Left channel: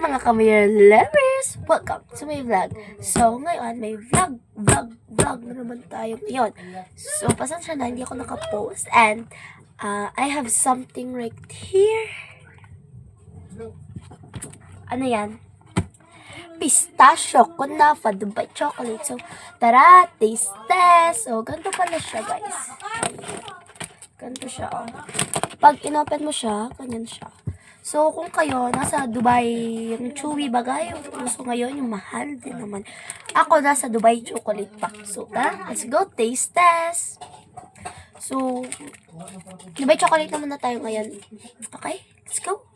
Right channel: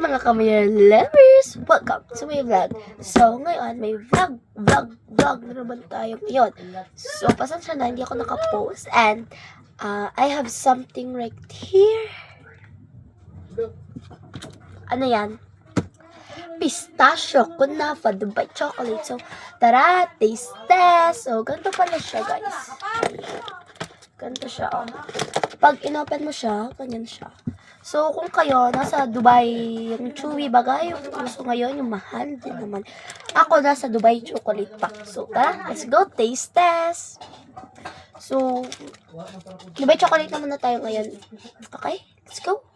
mga Kamaya lovers! Welcome to my vlog. So ngayon may vlog na naman tayo ngayon. So pasensya na hindi ako nakapost and I have something right here. Ano yan? Pistachio kunafa Dubai chocolate. So tara, taste test. So ganito pala siya guys. Ayan. Ganito siya oh. Pag inopen mo siya, ganyan siya. So, kung kayo, nasa Dubai, yung chewy bagay, yung gusto ngayon, yung mahal din naman. Ako, nasa Dubai chocolate pack. So, tara, let's go, taste test. So, Dubai chocolate naman na tayo ngayon. Okay, let's go.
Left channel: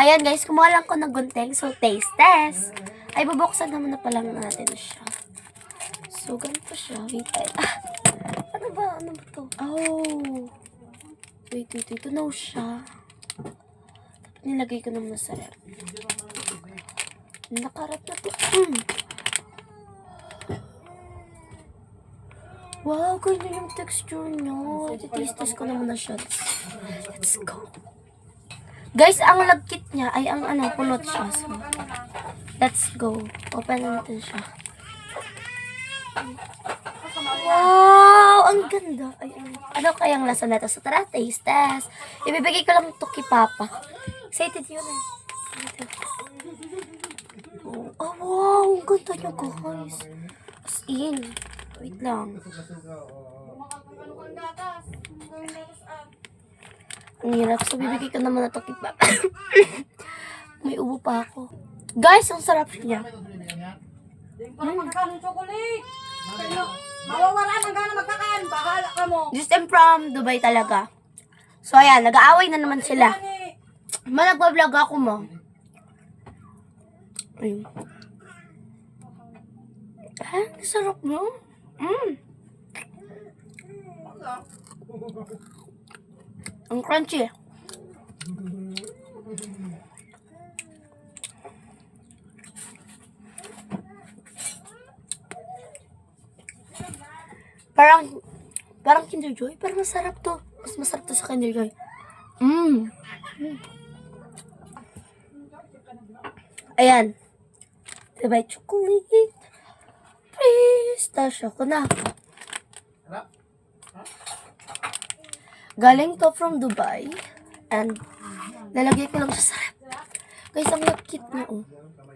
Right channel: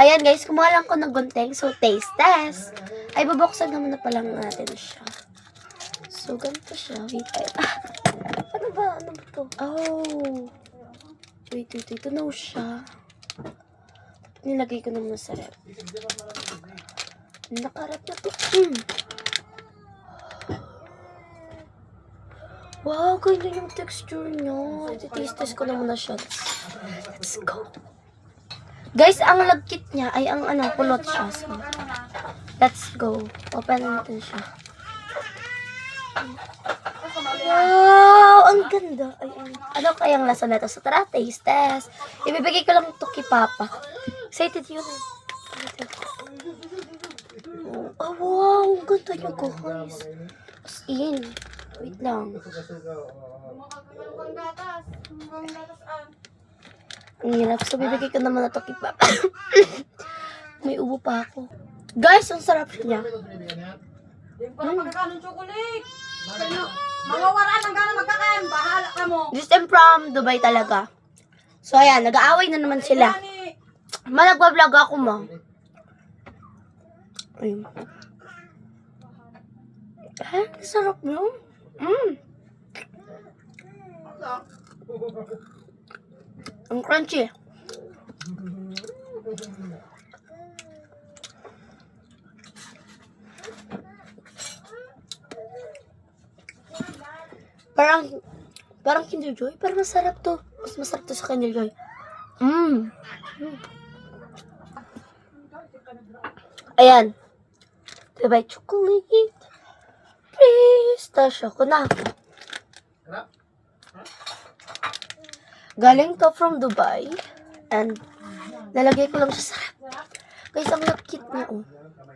Ayan guys, kumuha lang ko ng gunting. So, taste test. Ay, babuksan naman na palang natin siya. So, ganito siya. Wait, ano ba? Ano ba to? Oh. Wait. Ito na siya. Nilagay ko naman sa rep. Nakarap na to. Wow, ganyan yung texture niya. Iti-taste ko na muna siya. Let's go. Guys, ang lagkit niya ay ang pulot siya. So, let's go. Open natin siya. Wow, ang ganda. Ay, ano kayang lasa na ito? So, tara, taste test. Ibibigay ko lang ito kay Papa. Excited yun eh. Oh, wow, ang ganda niya guys. As in. Wait lang. Ang hirap. So, bibigay ko naman ito kay Papa. May ubo pa ako. Guys, ang sarap niya. Mawawalan ang gano'n magkakain. Bahala ka mo. This time from Dubai talaga. So, ayan. Nag-aaway na naman sila. Nagbablog ako mo. Ayun. Sarap nyo. Ang crunchy. Parang Kinder Joy. Pero masarap to. Mas masarap to sa Kinder Joy. Ayan. Dubai chocolate. Pistachio kunafa. Galing to from Dubai. And nalagay ko lang siya sa rep. Guys, ang cute niya oh.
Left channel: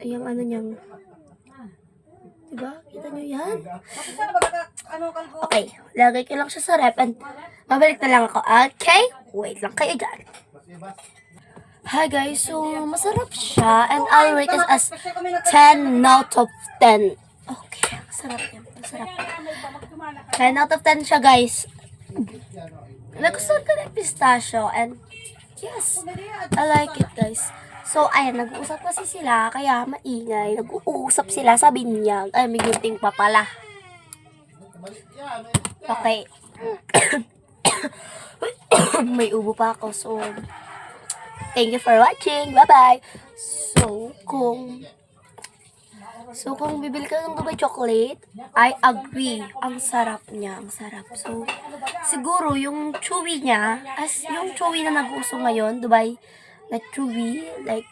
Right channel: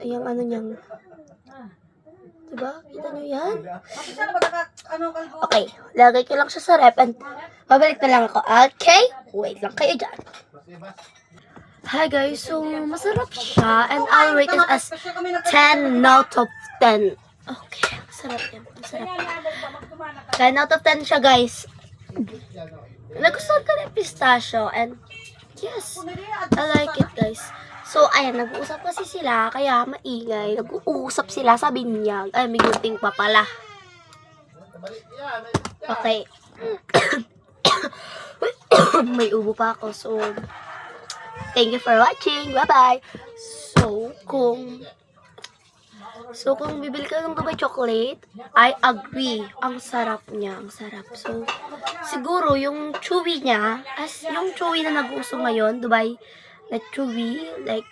Ayan niyang. Diba? Kita nyo yan? Okay. Lagay ko lang siya sa rep and babalik na lang ako. Okay? Wait lang kayo dyan. Hi guys. So, masarap siya and I'll rate it as 10 out of 10. Okay. Masarap yan. Masarap. 10 out of 10 siya guys. Nagustuhan ko na yung pistachio and yes, I like it guys. So, ayan, nag-uusap kasi sila, kaya maingay. Nag-uusap sila, sabi niya, ay, may gunting pa pala. Okay. May ubo pa ako, so, thank you for watching. Bye-bye. So, kung bibili ka ng Dubai chocolate, I agree. Ang sarap niya, ang sarap. So, siguro, yung chewy niya, yung chewy na nag-uso ngayon, Dubai, na chewy, like,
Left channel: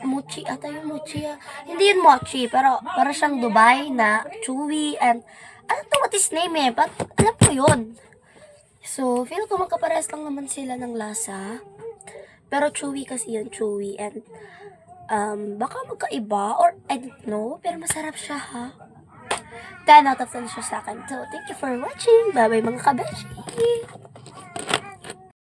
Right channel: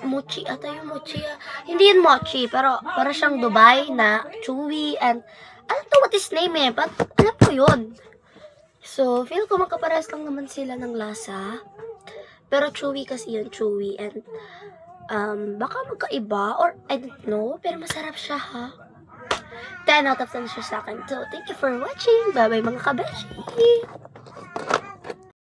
mochi, ata yung mochi, hindi yun mochi, pero para siyang Dubai na chewy, and, ano to, what is name eh, but, alam ko yun. So, feel ko magkapares lang naman sila ng lasa, pero chewy kasi yun, chewy, and, baka magkaiba, or I don't know, pero masarap siya ha. 10 out of 10 siya sa akin. So, thank you for watching. Bye-bye mga kabeshi!